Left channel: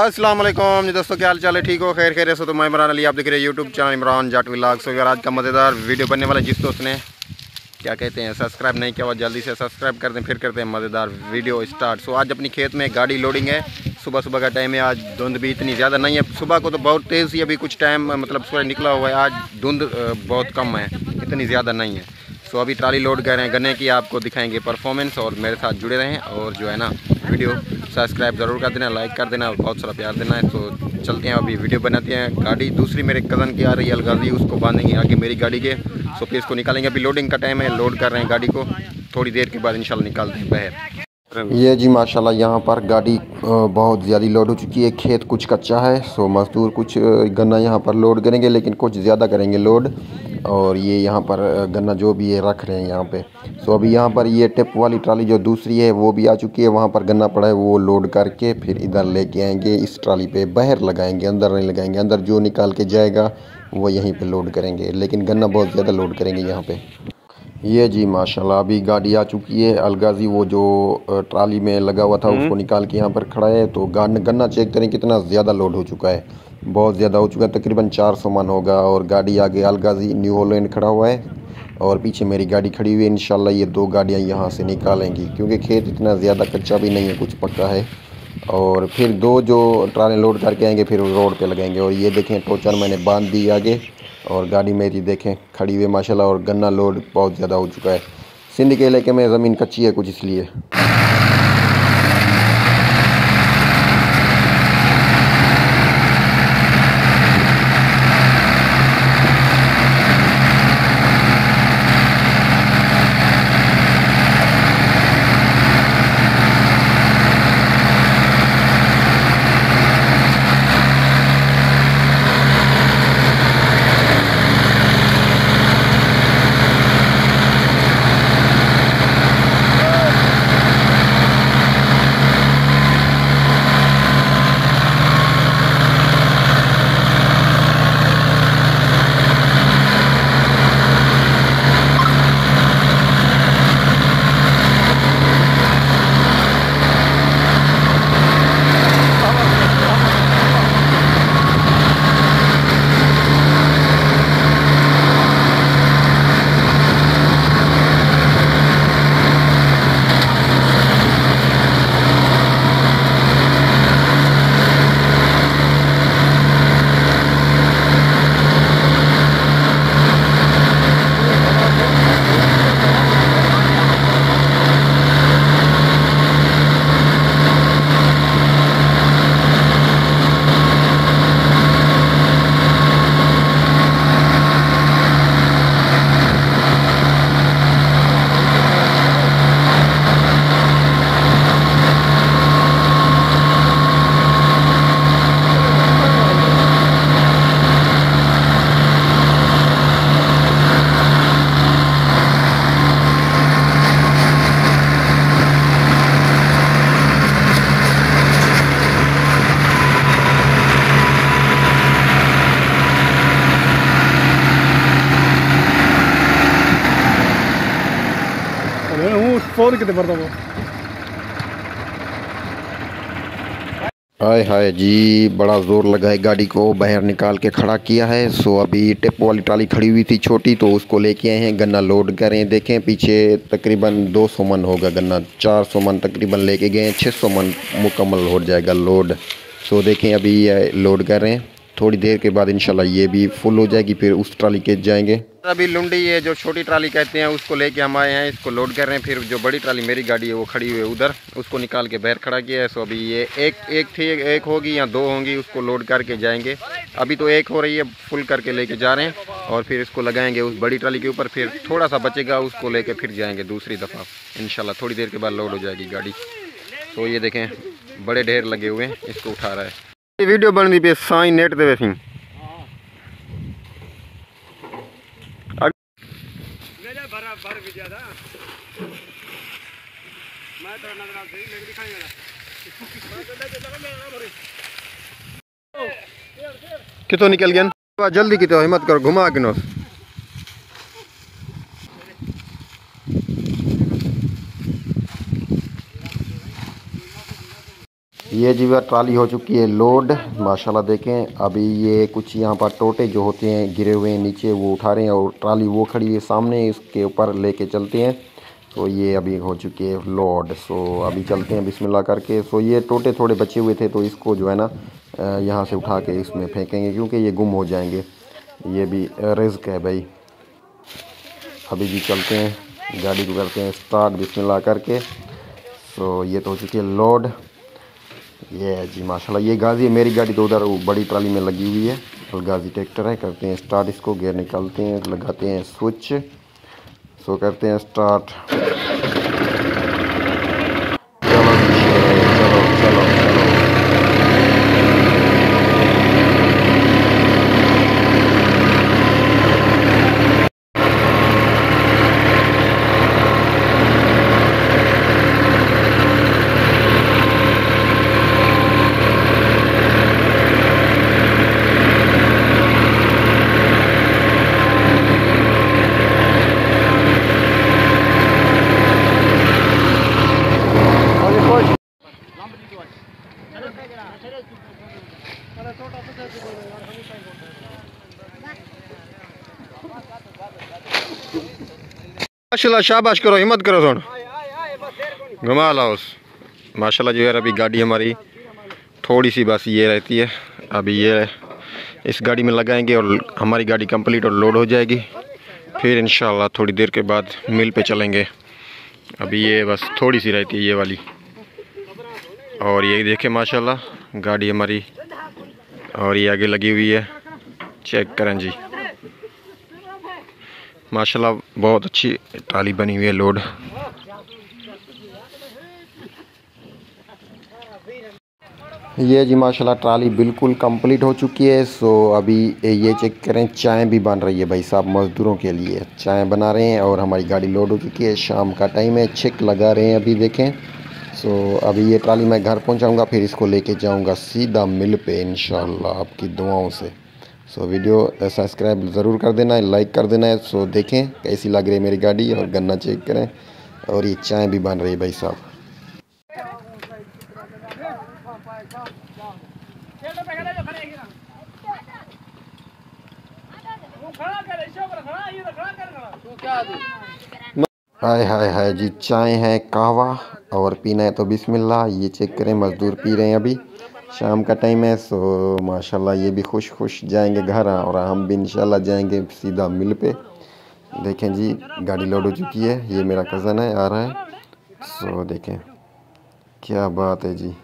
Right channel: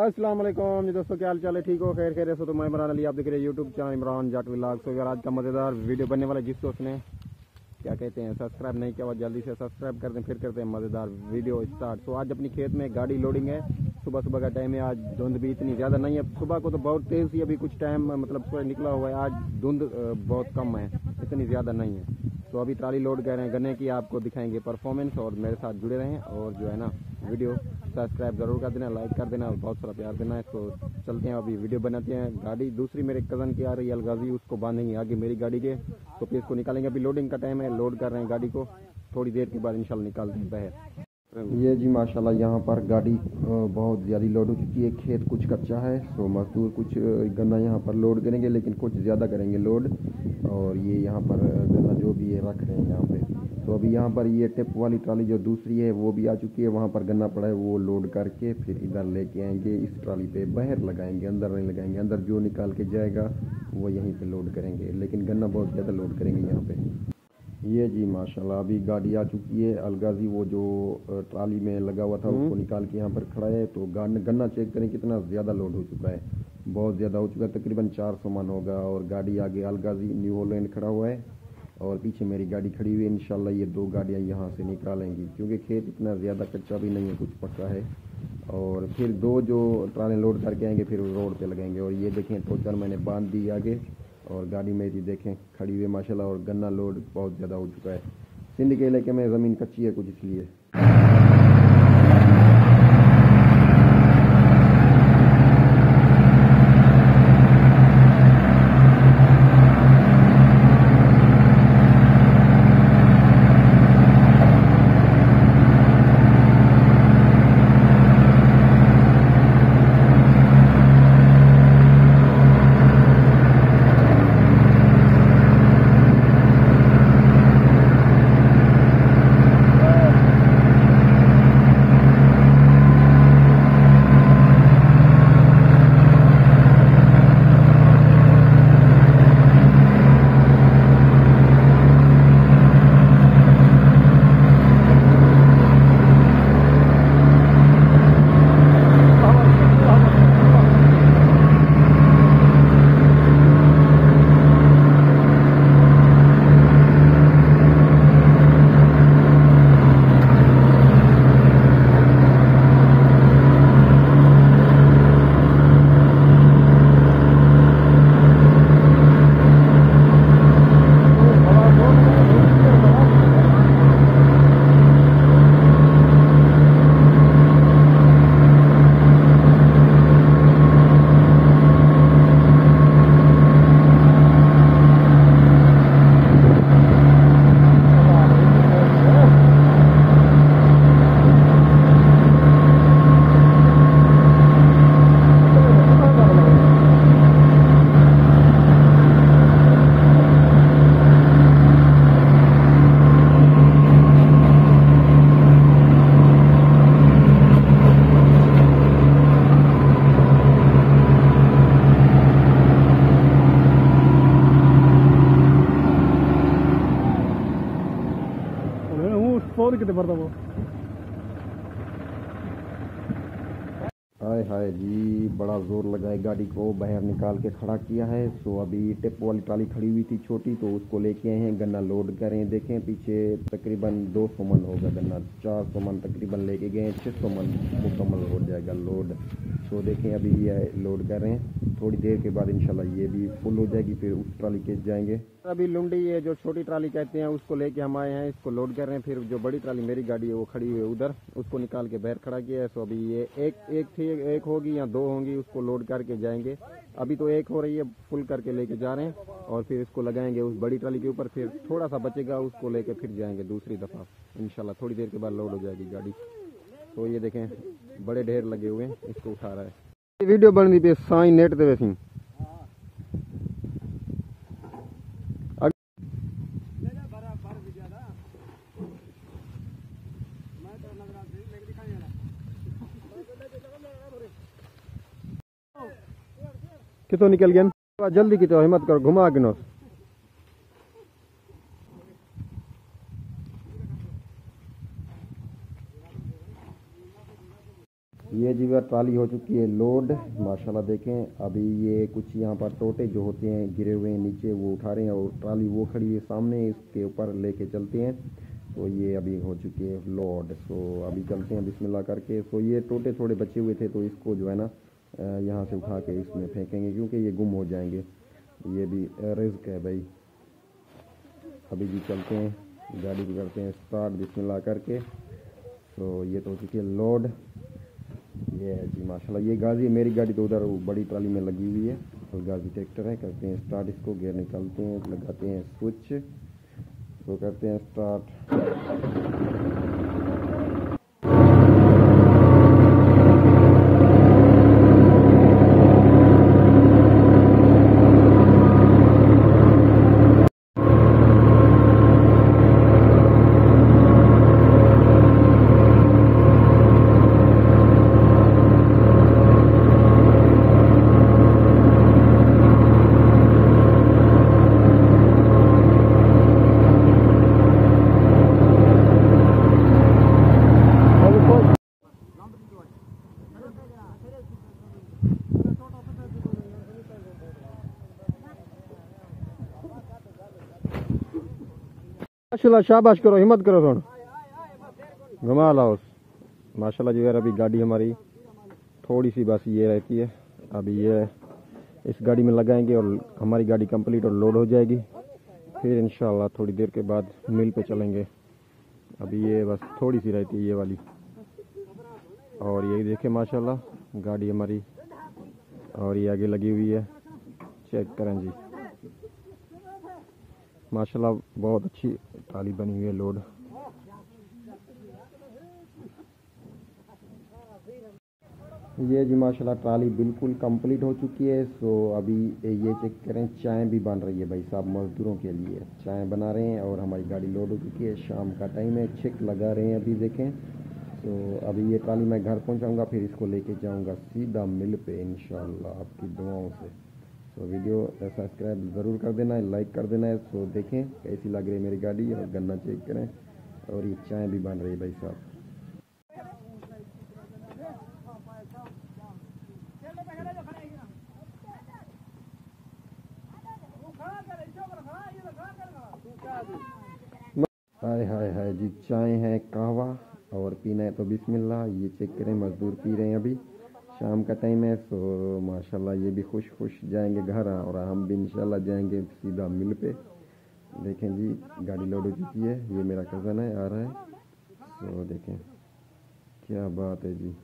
अस्सलाम वालेकुम जी दोस्तों, क्या हाल चाल है? ठीक हो? खैर खैर से तो मैं इमरान अली, आप देख रहे हैं YouTube channel Imran Jat vlogs. अगर आज का मज़ेदार वीडियो बनने वाला, जिस दोस्त ने क्या कहते हैं सब्सक्राइब नहीं किया हुआ जल्दी से सब्सक्राइब कर दें, फिर करते हैं मज़ेदार वीडियो स्टार्ट। सो आज अपनी खेत में गाड़ी लोडिंग है। सुबह सुबह का टाइम है। आज धुंध भी इतनी ज़्यादा नहीं है, सुबह को तो बहुत तेज़ ही, अभी कुछ टाइम मतलब सूरज निकला हुआ है। आज धुंध बहुत कम है, इतनी ज़्यादा नहीं है। सो अभी ट्राली लोड कर रहे हैं गन्ने की, आपको दिखाएंगे परफॉर्मेंस। और मेरे साथ जुड़े रहें और जो है ना वीडियो सब्सक्राइब ज़रूर कर देना, लाइक कर देना और बहुत सारा प्यार देना है। तो चलते हैं अभी वीडियो बनाते हैं। गाड़ी दूसरी मेरे कज़न की आ रही है अलगाजी, उसको बांधेंगे आगे मेरी गाड़ी के। सो फिर इसको निकालेंगे। अभी लोडिंग का टाइम है, लोड कर रहे हैं गाड़ी को, थोड़ी देर के बाद इंशाल्लाह निकालते हैं बाहर। ये जी माशाल्लाह यहाँ पर गाड़ी बहुत ज़्यादा लोड हो चुकी है। खेत कुछ कच्चा है, सो मज़दूर कुछ गन्ना यहाँ पर लोड करेंगे, लेकिन कुछ ज़्यादा करेंगे लोड। और ये यहाँ पर गन्ना जो भी है रख रहे हैं यहाँ पे। सो अभी यहाँ पर ये टिप वाली ट्राली जो दूसरी है वो भी आ चुकी है। वहाँ पर गन्ना पड़ा है, वो लोड करके फिर इधर लेके आएंगे। इस ट्राली पे बाहर लगाएंगे, अंदर नहीं लगाएंगे। अंदर जो निकाल के जाएगा वो यहीं पे लोड करेंगे, लेकिन गन्ना बहुत ज़्यादा लोड करेंगे यहाँ पे। ये जी माशाल्लाह अभी गाड़ी आ चुकी है। अलगाजी वो जो ट्राली में लगा हुआ था उसको निकाल के यहाँ पर खड़ा है। तो गन्ना चेक करें कितना ज़्यादा लोड हो चुका है, बहुत ज़्यादा हो चुका है, तकरीबन 400 मन होगा। और गाड़ी आगे अलगाजी न्यू हॉलैंड खड़ा हुआ है और पीछे मेरी गाड़ी खड़ी हुई है। इंशाल्लाह ये दो गाड़ियाँ यहाँ से निकालेंगी, क्योंकि खेत इतना ज़्यादा कच्चा भी नहीं है, कुछ पक्का है। और फिर दो जो ट्राले लोड करके आएंगे फिर रोड पे लगाएंगे। और ये देखें टोचन मैंने बांध दी आगे, और गाड़ी मेरी देखें खड़ी हुई माशाल्लाह। और गन्ना लोड बहुत ज़्यादा हो चुका है। सिंध के इलाके में ज़मीन कच्ची है कुछ, इसलिए। फोन कितने पड़ता वो। हाय हाय जी, बड़ा ज़ोर लगा है, गाड़ी को बाहर निकाल के खड़ा किया है। सो अभी टिप वाली ट्राली खड़ी हुई थी छोटी, तो उसको लेके आए हैं, गन्ना लोड कर रहे हैं। देखें पीछे तकरीबन 200 मन होगा गन्ना, 400 मन तकरीबन लेके गए हैं, 600 मन मुकम्मल हो जाएगा लोड। सो देखें अभी लोड कर रहे हैं, थोड़ी देर के बाद इंशाल्लाह ये भी फुल हो जाएगी, फिर उस ट्राली के जाएंगे। अभी लुंडी ये जो छोटी ट्राली कहते हैं उसको लेके हम आए हैं, इसको लोड कर रहे हैं। फिर जो बड़ी ट्राली मेरी गाड़ी है वो खड़ी हुई है उधर, उसको निकाल के बाहर खड़ा किया है। सो अभी ये एक होगी या दो होंगी, उसको लोड करके जाएंगे। अभी तो एक हो रही है, फुल करके लेके जा रहे हैं और फिर इसको लगाएंगे उस बड़ी ट्राली के ऊपर। फिर थोड़ा सा बचेगा, उसको लेके फिर जाएंगे दूसरी दफ़ा इंशाल्लाह। थोड़ी देर के बाद लोड हो जाएगी गाड़ी। तो ये देखें बड़े ढेर लगे हुए हैं, इसको उठा रहा है। ये वीडियो बन दी पे साई नेट दे वैसी कितो निकल गया, जल्दी कितो हिम्मत करो, घुमा के नो। ये जी वह ट्राली हो चुकी है लोड, माशाल्लाह देखें। अभी ये कुछ यहाँ पर टोटे जो होते हैं गिरे हुए हैं नीचे वो उठा रहे हैं, और ट्राली वो खड़ी है सामने, इसके ऊपर लेके चलते हैं। तो ये अभी हो चुकी है लोड। सो अभी चलते हैं बिस्मिल्लाह करके। सो ये टोटे थोड़े बचे हुए थे, तो इसको जो है ना यहाँ से उठा के इसमें फेंकेंगे, क्योंकि ये गुम हो जाएंगे। ये भी रिस्क है भाई। अभी भी चलते हैं, गाड़ी को करते हैं स्टार्ट बिस्मिल्लाह करके। सो ये तो हो चुकी है लोड। ये है जी माशाल्लाह। ये गाजी है, मेरी गाड़ी तो उधर बड़ी ट्राली में लगी हुई है, और गाजी ट्रैक्टर है। करते हैं स्टार्ट इसको, गियर निकालते हैं, लगाते हैं स्विच। सो करते हैं स्टार्ट। माशाल्लाह शाबाश करो, हिम्मत करो, थोड़ा घुमा लाओ माशाल्लाह। जो यार अभी गाड़ी हमारी थोड़ी सी बस ये रहती है, अभी ये इस गाड़ी में लगाएंगे और हमारी गाड़ी कंप्लीट और लोड हो जाएगी। फिर इंशाल्लाह थोड़ी देर के बाद मिल पे चलेंगे। अभी ये बस थोड़ी सी रहती है ये वाली। और ये देखें माशाल्लाह गाड़ी हमारी, और ये आगे लगी हुई है, चेक करें जी माशाल्लाह। बहुत अच्छी ट्राली बनी हुई है लोड। ये जी माशाल्लाह ट्राली बिल्कुल कंप्लीट हो चुकी है। सो अभी ये चेक करें, चाय भी बन रही है भाई साहब, मज़दूरों के लिए चाय बना रहे हैं। और हमारी गाड़ी लोड हो चुकी है, शाम का टाइम है, छिक लगा रहे हैं अभी देखें। सो अभी ये ट्राली मैं घर पहुंचाऊंगा, फिर इसको लेके जाऊंगा सीधा मिल पे इंशाल्लाह आपकी दुआओं से। सो वीडियो सब्सक्राइब ज़रूर कर देना है, लाइक कर देना है। सो देखें कैसी लग रही है मेरी गाड़ी, और गन्ना चेक करें। और ये चाय भी बन रही है भाई साहब। हाय हाय हाय जी, चाय है, कहवा, और पीना है तो बिस्मिल्लाह। ये चेक करें, मज़दूर पी रहे हैं अभी, शाम का टाइम है। सो माशाल्लाह ये भी खुश खुश जाएंगे घर, और हम भी इंशाल्लाह जाएंगे सीधा मिल पे। देखें जी गाड़ी लोड हो चुकी है, ये मेरा कज़न है, आ रहा है। सो देखें क्या बात है जी।